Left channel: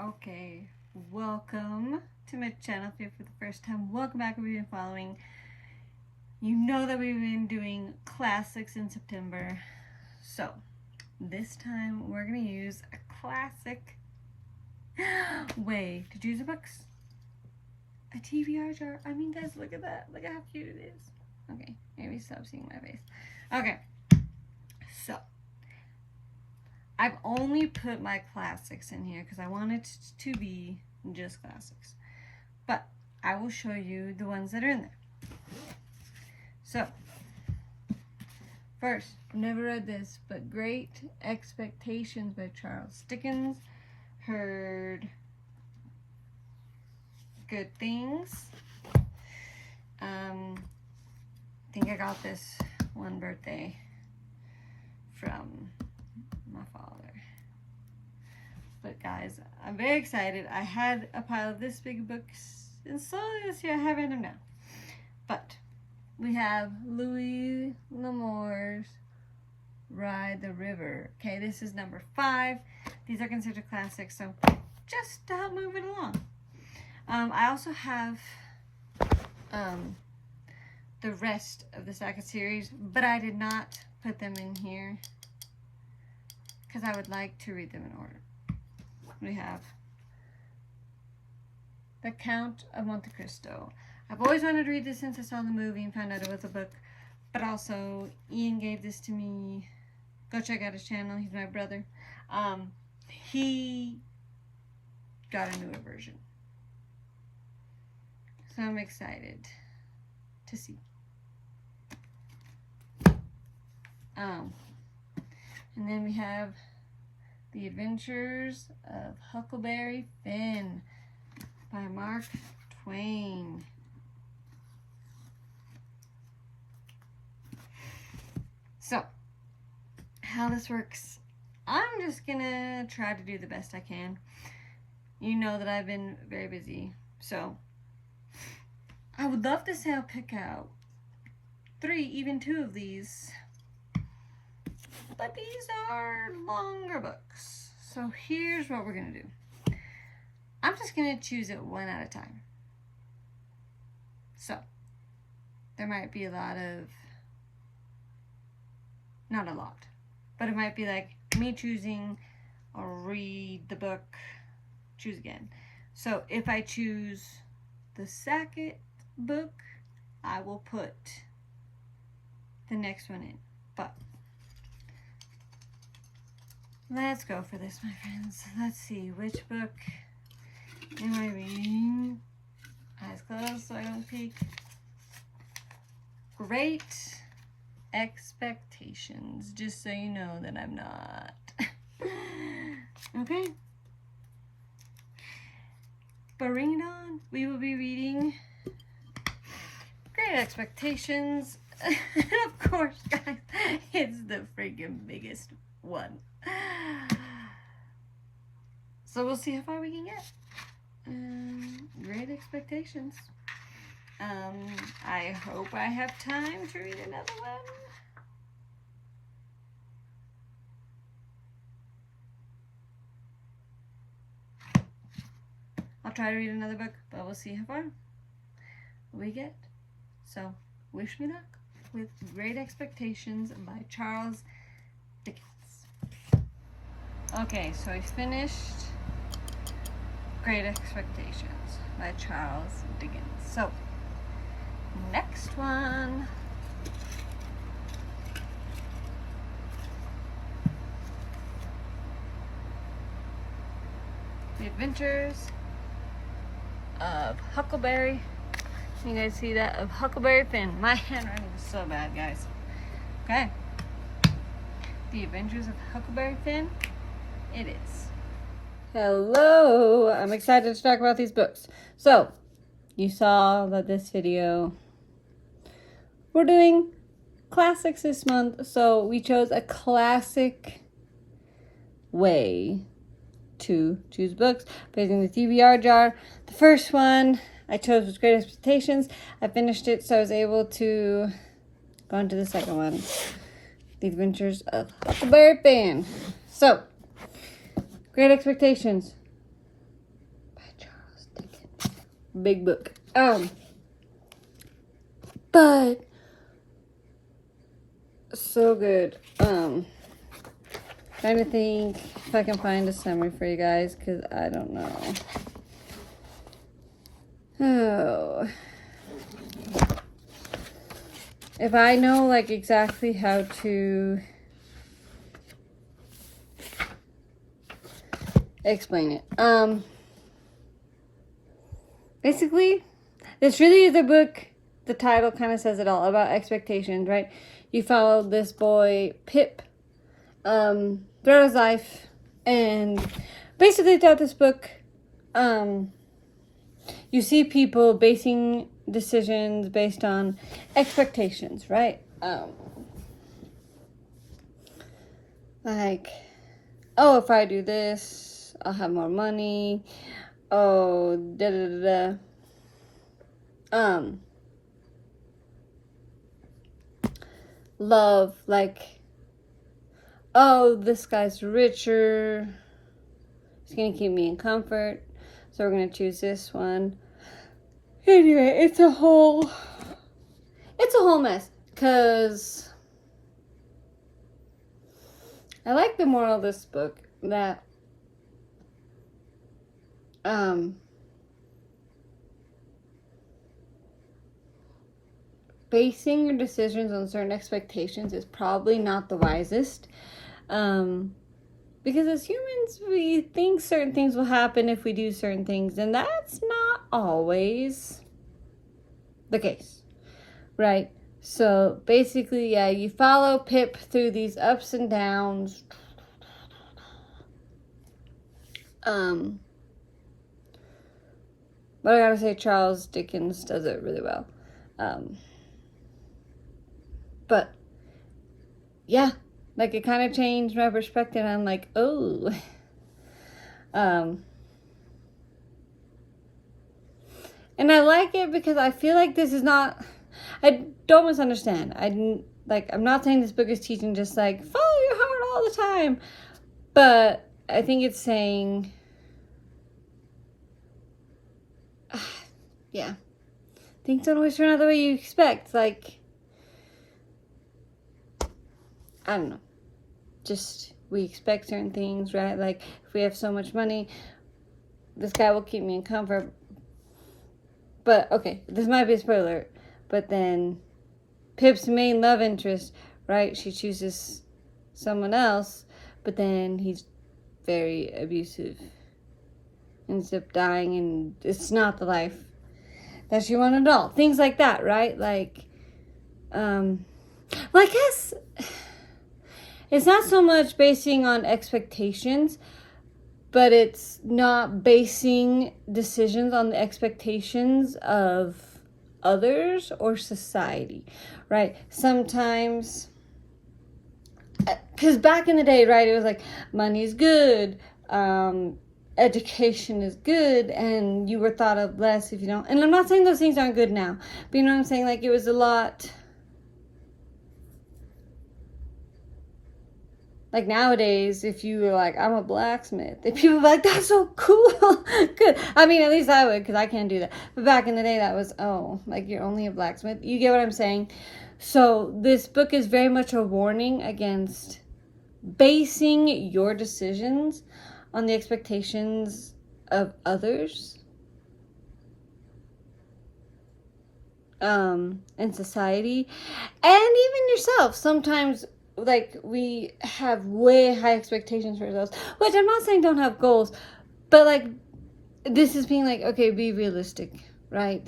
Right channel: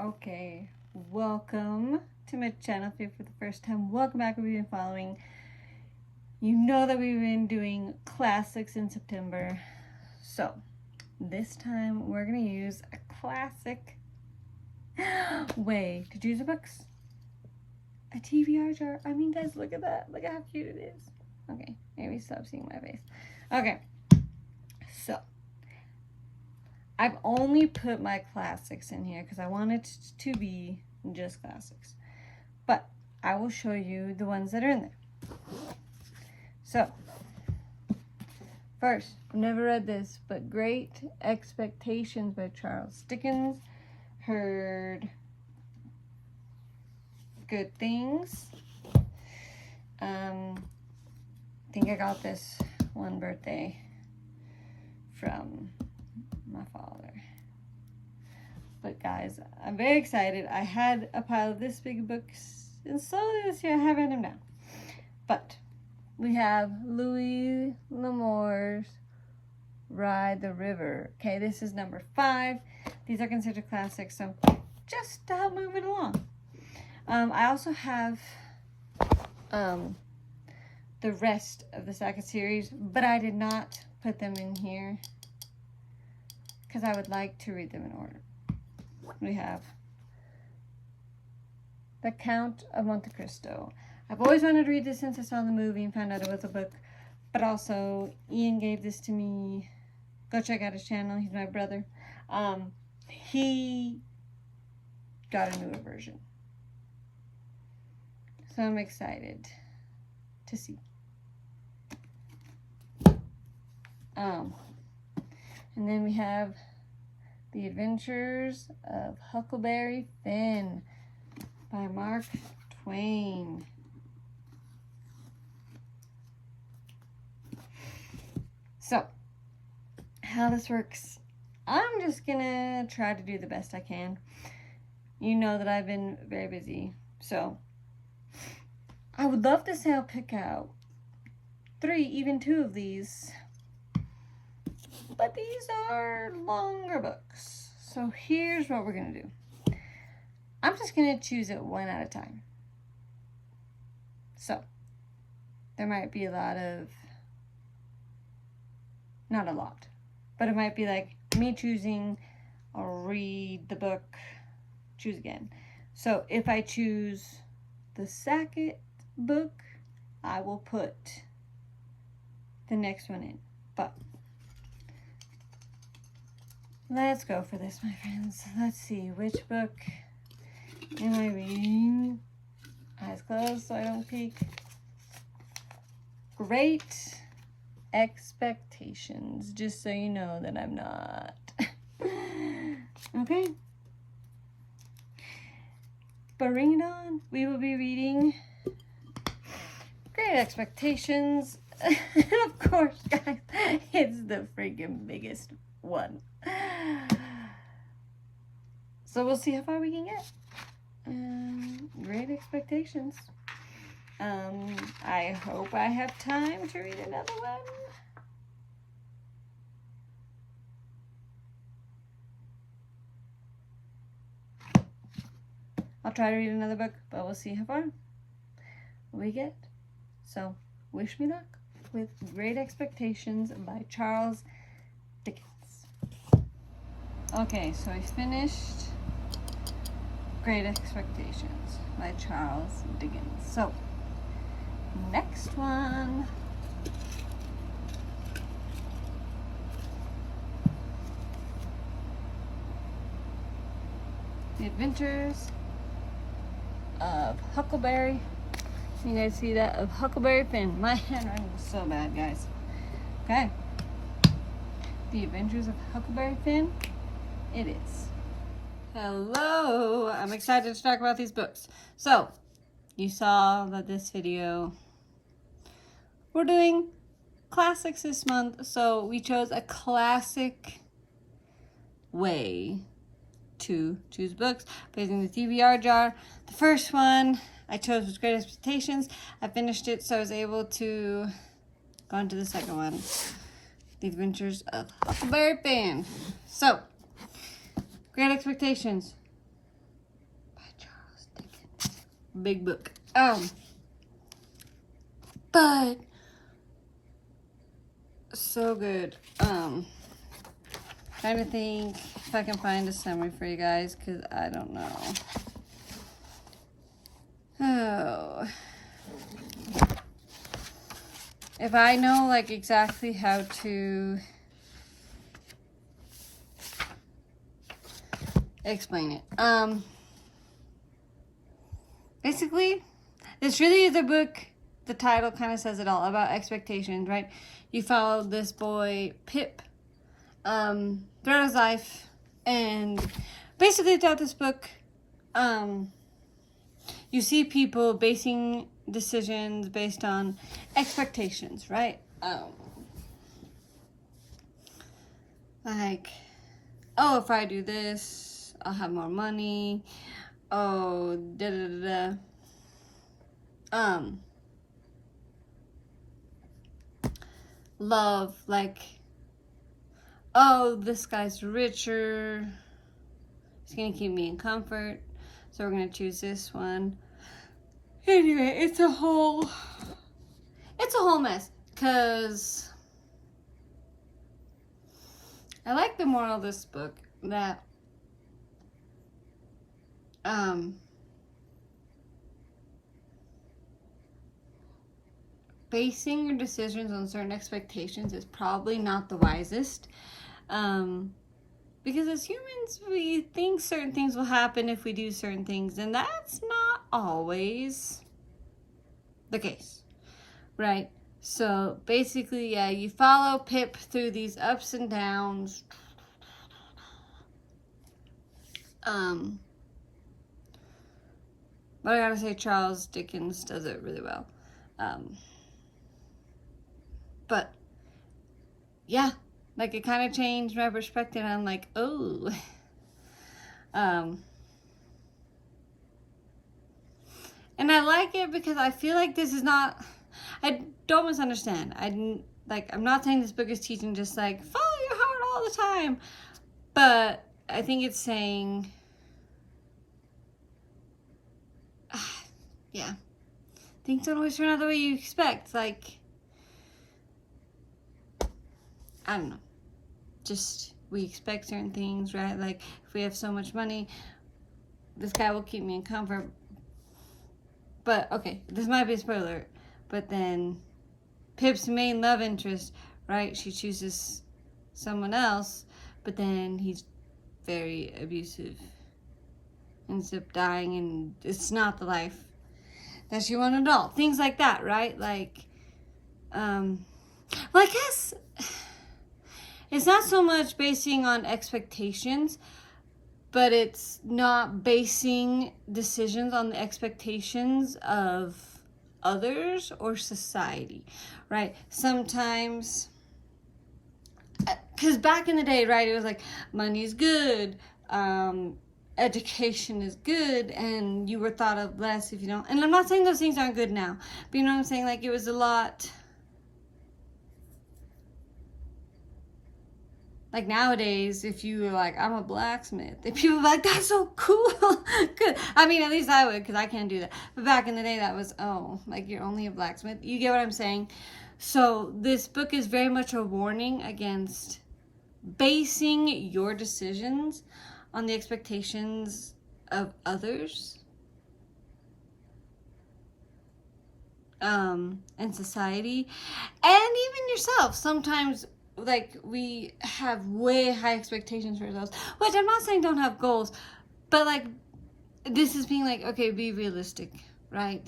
Okay, welcome to my channel. If you're for the first time, welcome back. If you've been following, you know that we've been doing classics in September. So this time we're gonna use a classic way to choose the books. A TBR jar. I mean, guys, look at that. Look at how cute it is. Okay, maybe stop seeing my face. Okay, so I've only put my classics in here because I want it to be just classics. But I will show you the ones that are in there. So, first, I've never read this, but Great Expectations by Charles Dickens. Heard good things. I think I got this one birthday from my father. But guys, I'm very excited. I had a pile of this big books, and slowly this year I have them down. But we have Louis L'Amour's Ride the River. Okay, this is number 5. These are considered classics, so just to help move it along. I also have the rest of the Saga series, but I did not put them in here because I would like to read them in order. We have The Count of Monte Cristo. I've always wanted to read this since I saw the movie and found out it was a book, but also Ian gave this to me. Go check out his channel. He's my brother. He got a newer version, so I'm excited to see. And then we have The Adventures of Huckleberry Finn by Mark Twain. So, how this works, I'm just gonna try to do the best I can. You know that I've been very busy, so I would love to say I'll pick out 3, even 2 of these, but these are longer books. So here's what we're gonna do. I'm just gonna choose it one at a time. So there might be a lot of, not a lot, but it might be like me choosing, I'll read the book, choose again. So if I choose the second book, I will put the next one in. But let's go for this, my friends. Let's see, which book am I reading? Eyes closed so I don't peek. Great Expectations, just so you know that I'm not. Okay. But bring it on. We will be reading Great Expectations. And of course, guys, it's the freaking biggest one. So we'll see how far we can get. Great Expectations. I hope I have time to read another one. I'll try to read another book, but we'll see how far we get. So, wish me luck with Great Expectations by Charles Dickens. Okay, so we finished Great Expectations by Charles Dickens. So, next one. The Adventures of Huckleberry. You guys see that? Of Huckleberry Finn. My handwriting is so bad, guys. Okay. The Adventures of Huckleberry Finn. It is. Hello. I'm excited to talk about these books. So, you saw that this video, we're doing classics this month, so we chose a classic way to choose books. Putting the TBR jar. The first one I chose was Great Expectations. I finished it, so I was able to go on to the second one, The Adventures of Huckleberry Finn. So, Great Expectations. big book. But so good. Trying to think if I can find a summary for you guys, because I don't know. Oh. If I know like exactly how to explain it. Basically, this really is a book. The title kind of says it all about expectations, right? You follow this boy, Pip, throughout his life, and basically throughout this book, you see people basing decisions based on expectations, right? Like, oh, if I do this, I'll have more money. Oh, da da da da. Love, like, oh, this guy's richer. It's gonna keep me in comfort, so we're gonna choose this one. Anyway, it's a whole mess. Cause I like the moral of this book that basing your decisions on certain expectations is probably not the wisest. Because as humans, we think certain things will happen if we do certain things, and that's not always the case, right? So basically, yeah, you follow Pip through these ups and downs. But I gotta say, Charles Dickens does it really well. But yeah, like it kind of changed my perspective. I'm like, oh, and I like it because I feel like this is not. I don't misunderstand. I'm not saying this book is teaching just like follow your heart all the time, but I think it's saying, yeah, things don't always turn out the way you expect. Like, I don't know. Just, we expect certain things, right? Like, if we have so much money, this guy will keep me in comfort. But, okay, this might be a spoiler. But then, Pip's main love interest, right? She chooses someone else. But then, he's very abusive. Ends up dying, and it's not the life that she wanted at all. Things like that, right? Like, well, I guess it's not so much basing on expectations, but it's not basing decisions on the expectations of others or society, right? Sometimes, because back in the day, right, it was like, money's good, education is good, and you were thought of less if you don't. And I'm not saying those things aren't good now, but you know what I'm saying? Like, it was a lot. Like nowadays, if you were like, I'm a blacksmith, if people were like, that's so cool. Good. I mean, at least I would, because I can't do that. But back in the day, that was, oh, like you're only a blacksmith. You get what I'm saying? So this book is very much a warning against basing your decisions on the expectations of others. In society. And even yourself. Sometimes, like, we have way high expectations for ourselves, which I'm not saying don't have goals, but like, this is being like, okay, be realistic, right?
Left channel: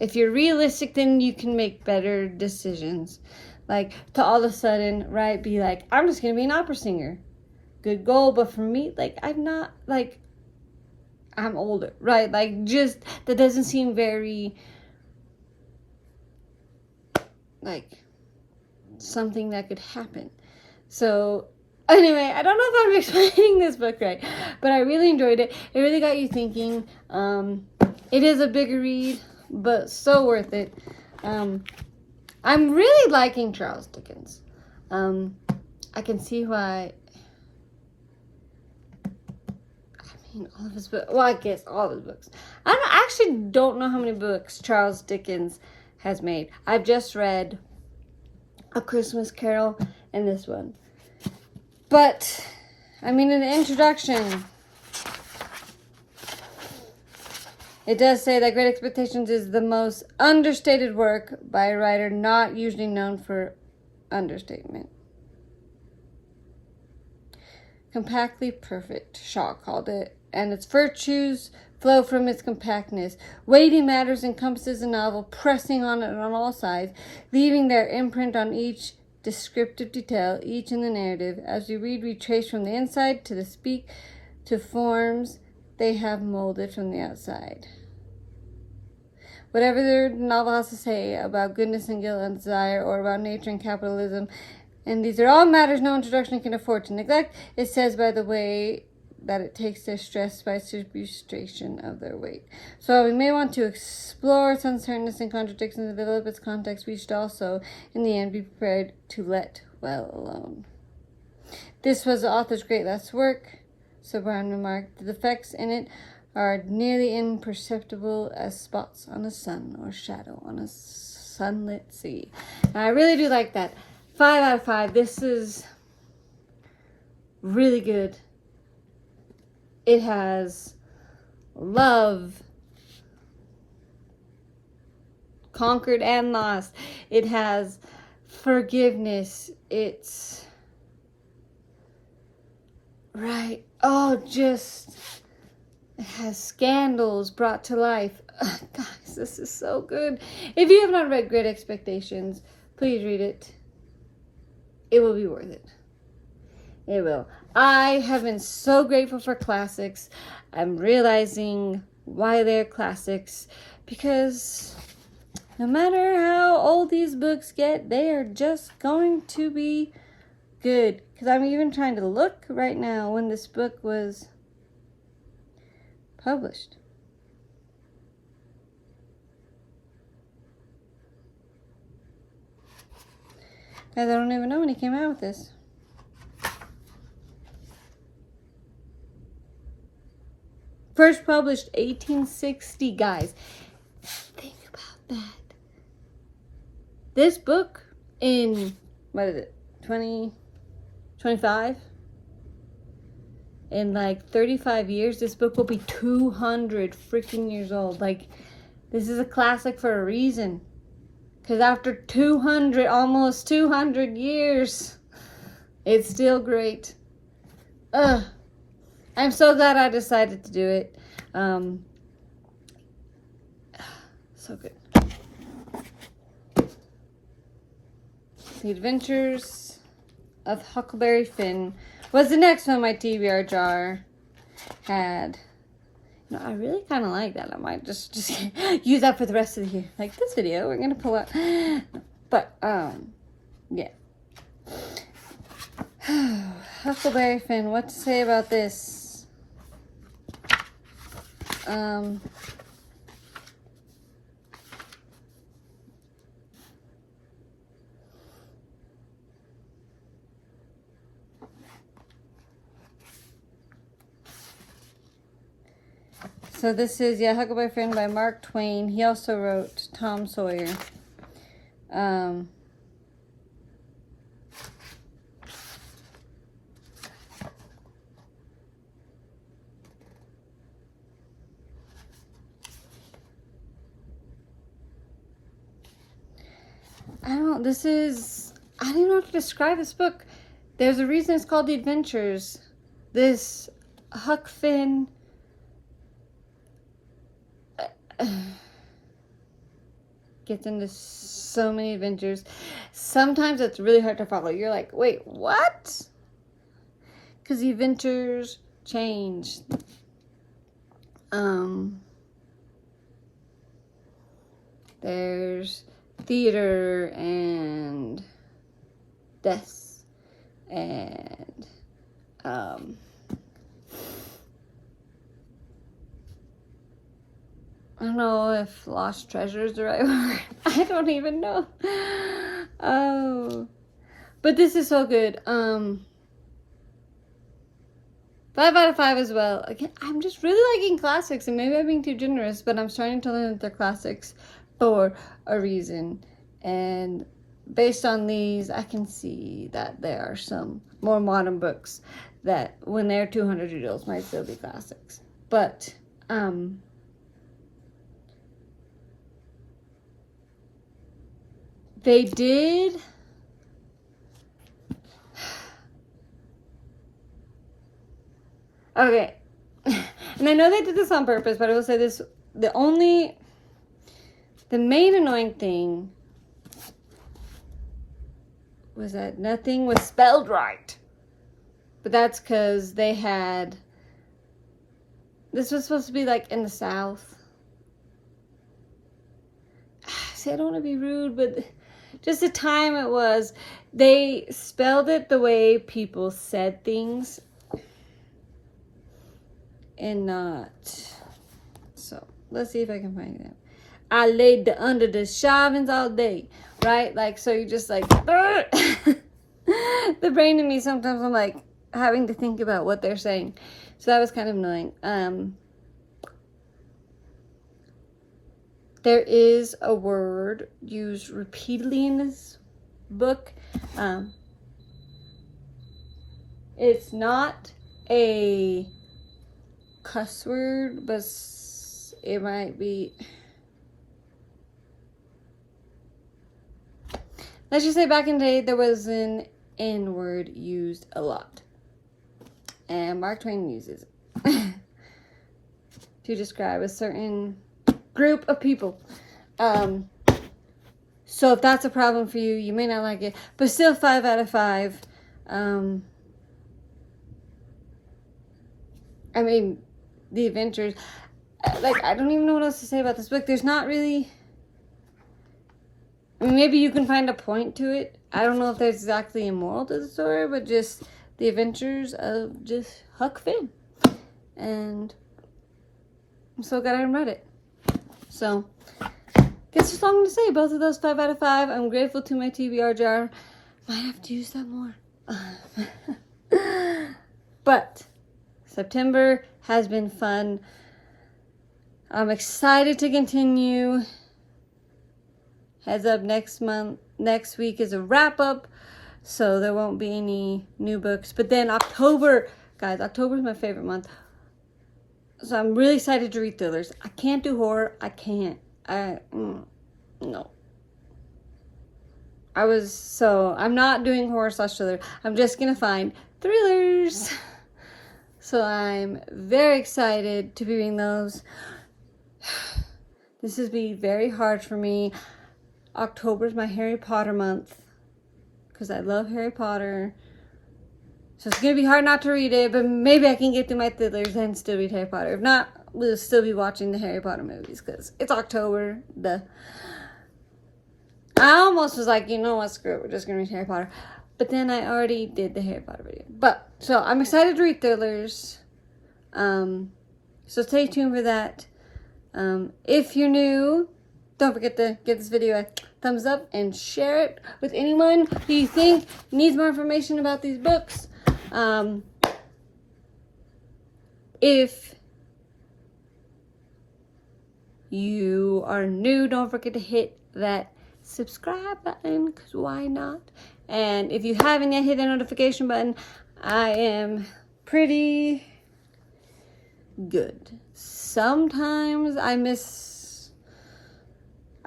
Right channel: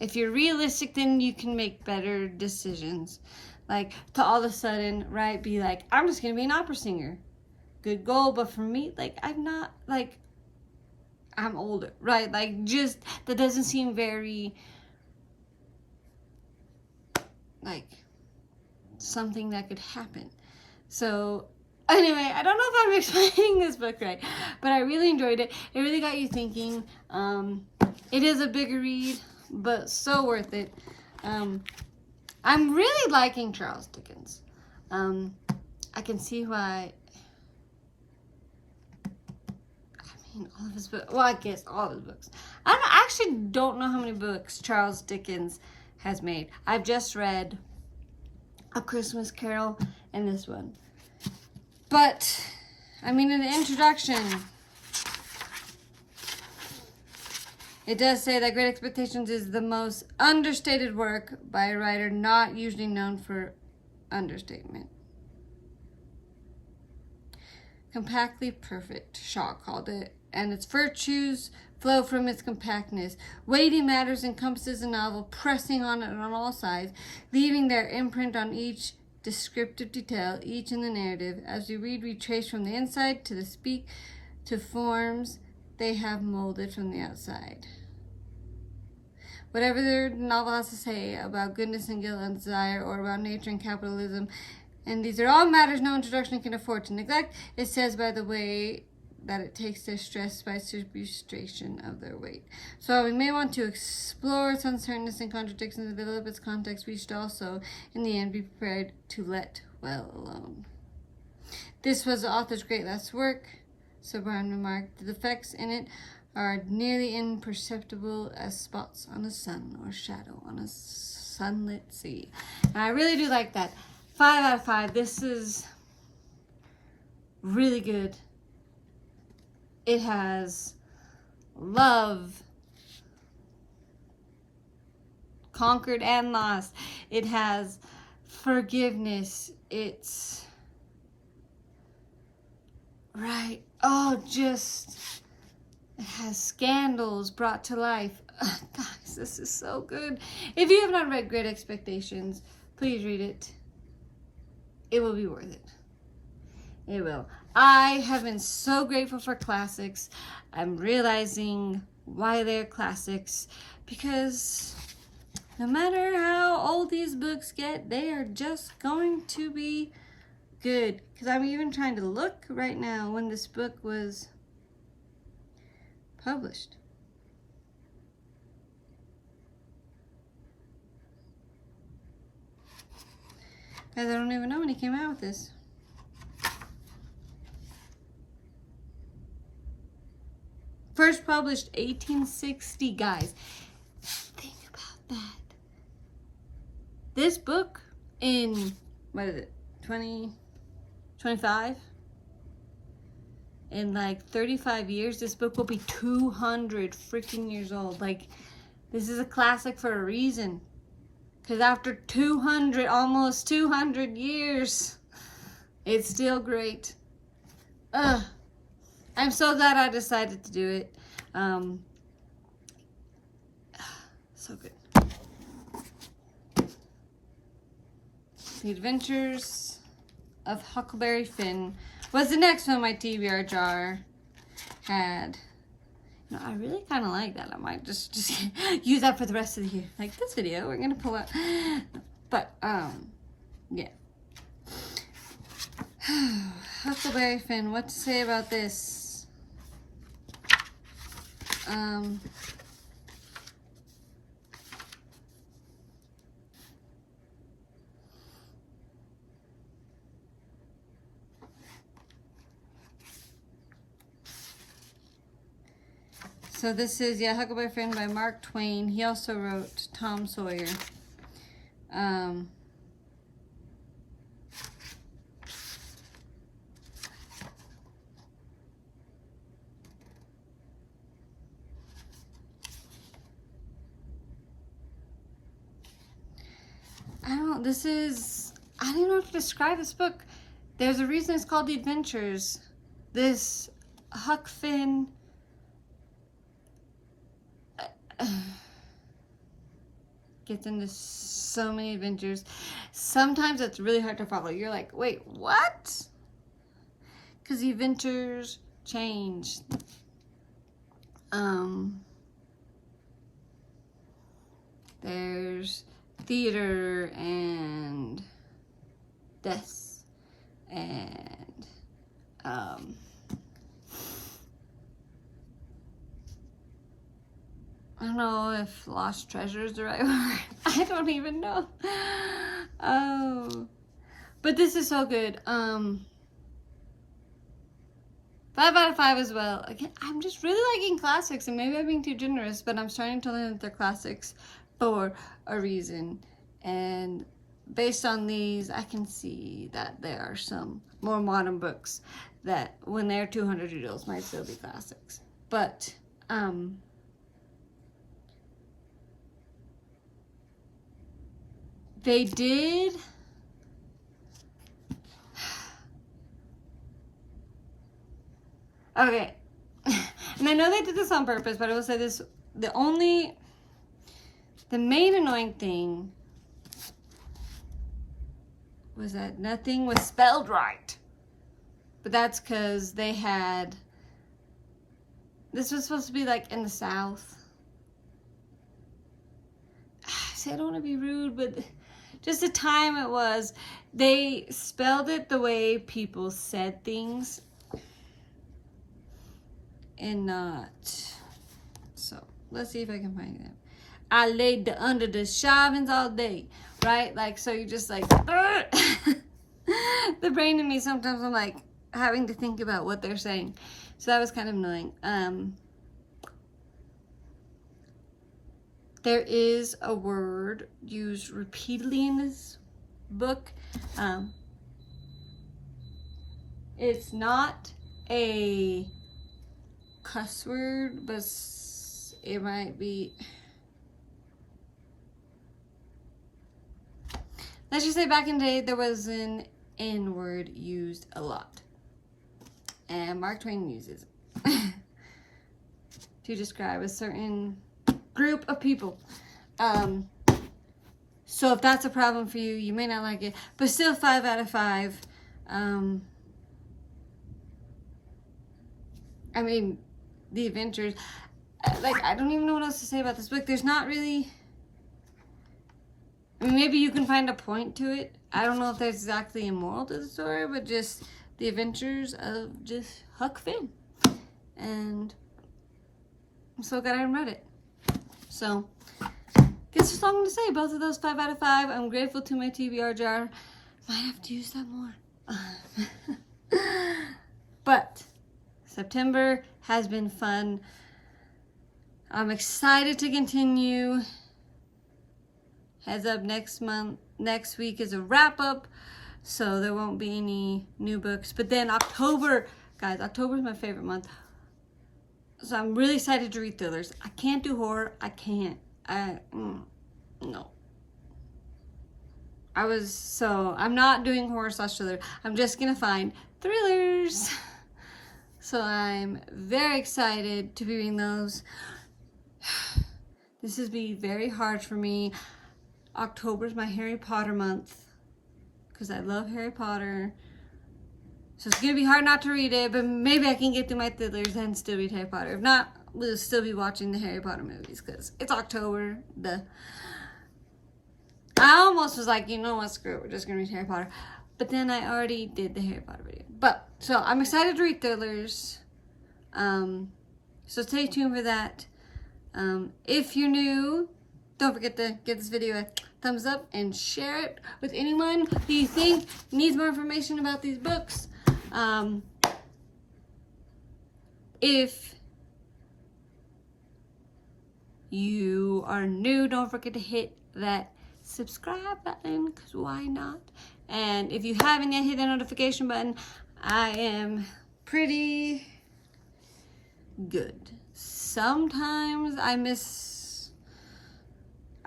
If you're realistic, then you can make better decisions. Like, to all of a sudden, right, be like, I'm just gonna be an opera singer. Good goal, but for me, like, I'm not, like, I'm older, right? Like, just, that doesn't seem very, like, something that could happen. So anyway, I don't know if I'm explaining this book right, but I really enjoyed it. It really got you thinking. It is a bigger read, but so worth it. I'm really liking Charles Dickens. I can see why. I mean, all of his books. Well, I guess all of his books. I I actually don't know how many books Charles Dickens has made. I've just read A Christmas Carol and this one. But, I mean, in the introduction, it does say that Great Expectations is the most understated work by a writer not usually known for understatement. Compactly perfect, Shaw called it, and its virtues flow from its compactness. Weighty matters encompasses a novel, pressing on it on all sides, leaving their imprint on each descriptive detail, each in the narrative. As we read, we trace from the inside to the speak to forms they have molded from the outside. Whatever their novel has to say about goodness and guilt and desire, or about nature and capitalism, and these are all matters no introduction can afford to neglect, it says by the way that it takes their stress by substitution of their weight. So we may want to explore its uncertainness and contradictions and develop its context. We should also, in the end, be prepared to let well alone. This was the author's great last work, so Brown remarked. The defects in it are nearly imperceptible as spots on the sun or shadow on a sunlit sea. And I really do like that. 5 out of 5. This is really good. It has love, conquered and lost. It has forgiveness. It's right. Oh, just it has scandals brought to life. Guys, this is so good. If you have not read Great Expectations, please read it. It will be worth it. It will. I have been so grateful for classics. I'm realizing why they're classics, because no matter how old these books get, they are just going to be good. Because I'm even trying to look right now when this book was published. Guys, I don't even know when he came out with this. First published 1860, guys. Think about that. This book in, what is it, 25? In like 35 years, this book will be 200 freaking years old. Like, this is a classic for a reason. Because after 200, almost 200 years, it's still great. I'm so glad I decided to do it. So good. The Adventures of Huckleberry Finn was the next one my TBR jar had. No, I really kind of like that. I might just use that for the rest of the year. Like this video, we're gonna pull out. But yeah. Huckleberry Finn. What to say about this? So this is, Huckleberry Finn by Mark Twain. He also wrote Tom Sawyer. I don't know, this is, I don't know how to describe this book. There's a reason it's called The Adventures. This Huck Finn gets into so many adventures. Sometimes it's really hard to follow. You're like, wait, what? Because the adventures change. There's theater and deaths and I don't know if lost treasure is the right word. I don't even know. Oh, but this is so good. 5 out of 5 as well. Again, I'm just really liking classics, and maybe I'm being too generous, but I'm starting to learn that they're classics for a reason. And based on these, I can see that there are some more modern books that when they're 200 years old might still be classics. But, they did... Okay, and I know they did this on purpose, but I will say this, the main annoying thing was that nothing was spelled right. But that's because they had, this was supposed to be like in the South. See, I don't want to be rude, but just the time it was, they spelled it the way people said things. And not. So let's see if I can find them. I laid under the shavings all day, right? Like, so you just like the brain in me, sometimes I'm like having to think about what they're saying, so that was kind of annoying. There is a word used repeatedly in this book. It's not a cuss word, but it might be, let's just say back in the day there was an N word used a lot, and Mark Twain uses it to describe a certain group of people. So if that's a problem for you, you may not like it, but still 5 out of 5. I mean, the adventures, like, I don't even know what else to say about this book. There's not really, I mean, maybe you can find a point to it. I don't know if there's exactly a moral to the story, but just the adventures of just Huck Finn. And I'm so glad I read it. So, guess that's all I'm going to say. Both of those 5 out of 5. I'm grateful to my TBR jar. Might have to use that more. But September has been fun. I'm excited to continue. Heads up, next week is a wrap up, so there won't be any new books. But then October, guys, October is my favorite month. So I'm really excited to read thrillers. I can't do horror. I can't. No. I'm not doing horror / thriller. I'm just gonna find thrillers. So I'm very excited to be reading those. This has been very hard for me. October is my Harry Potter month because I love Harry Potter. So it's going to be hard not to read it, but maybe I can get through my thrillers and still read Harry Potter. If not, we'll still be watching the Harry Potter movies because it's October. I almost was like, you know what, screw it, we're just going to read Harry Potter. But then I already did the Harry Potter video. So I'm excited to read thrillers. So stay tuned for that. If you're new, don't forget to give this video a thumbs up and share it with anyone who you think needs more information about these books. If you are new, don't forget to hit that subscribe button, because why not? And if you haven't yet, hit the notification button. I am pretty good. Sometimes I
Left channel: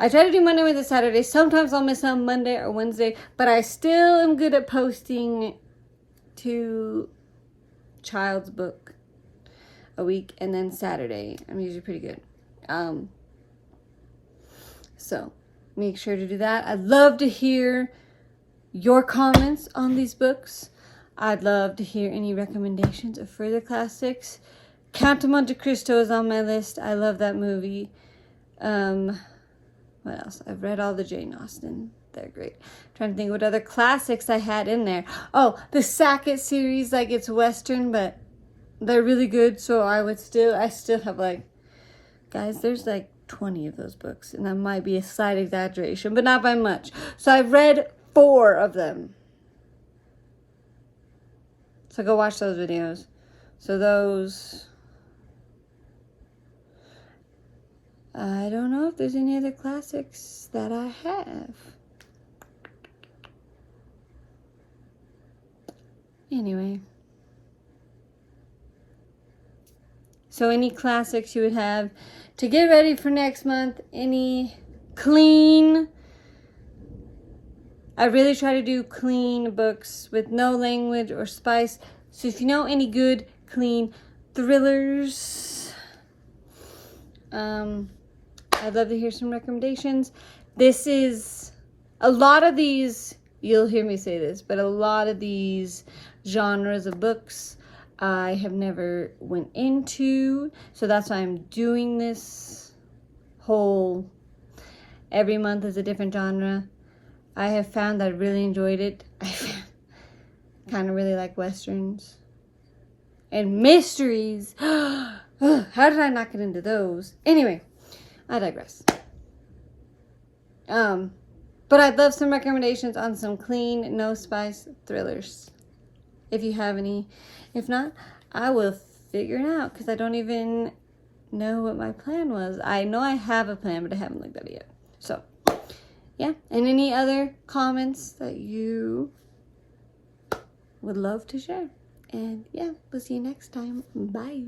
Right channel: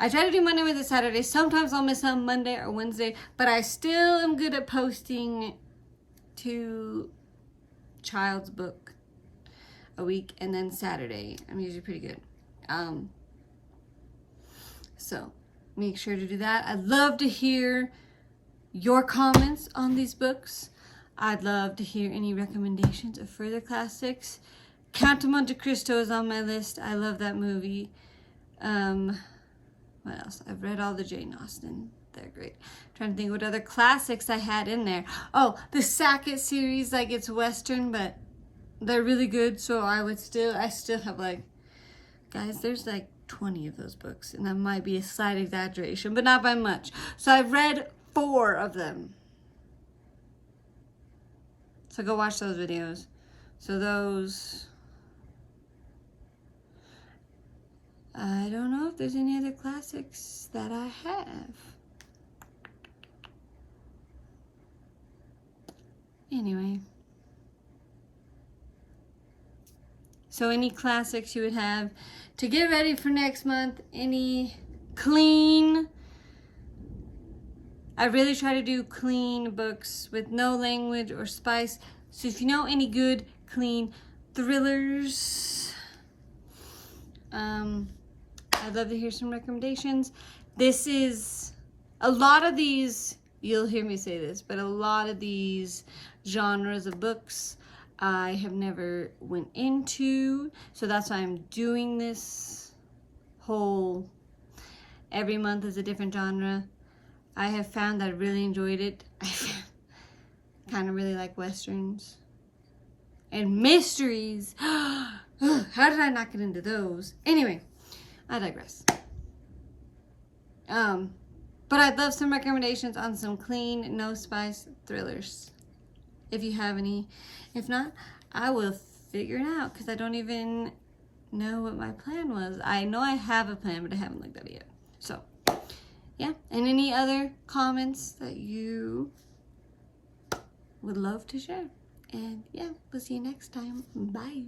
try to do Monday, Wednesday, Saturday. Sometimes I'll miss on Monday or Wednesday, but I still am good at posting 2 child's book a week, and then Saturday I'm usually pretty good. So make sure to do that. I'd love to hear your comments on these books. I'd love to hear any recommendations of further classics. Count of Monte Cristo is on my list. I love that movie. What else? I've read all the Jane Austen. They're great. I'm trying to think what other classics I had in there. Oh, the Sackett series, like it's Western, but they're really good. So I still have like, guys, there's like 20 of those books, and that might be a slight exaggeration, but not by much. So I've read 4 of them. So go watch those videos. So those, I don't know if there's any other classics that I have. Anyway. So any classics you would have to get ready for next month, any clean, I really try to do clean books with no language or spice. So if you know any good, clean thrillers, I'd love to hear some recommendations. This is, a lot of these, you'll hear me say this, but a lot of these genres of books I have never went into. So that's why I'm doing this whole, every month is a different genre. I have found that I really enjoyed it. I kind of really like Westerns. And mysteries. How did I not get into those? Anyway, I digress. But I'd love some recommendations on some clean, no spice thrillers. If you have any. If not, I will figure it out because I don't even know what my plan was. I know I have a plan, but I haven't looked at it yet. So, yeah. And any other comments that you would love to share. And yeah, we'll see you next time. Bye.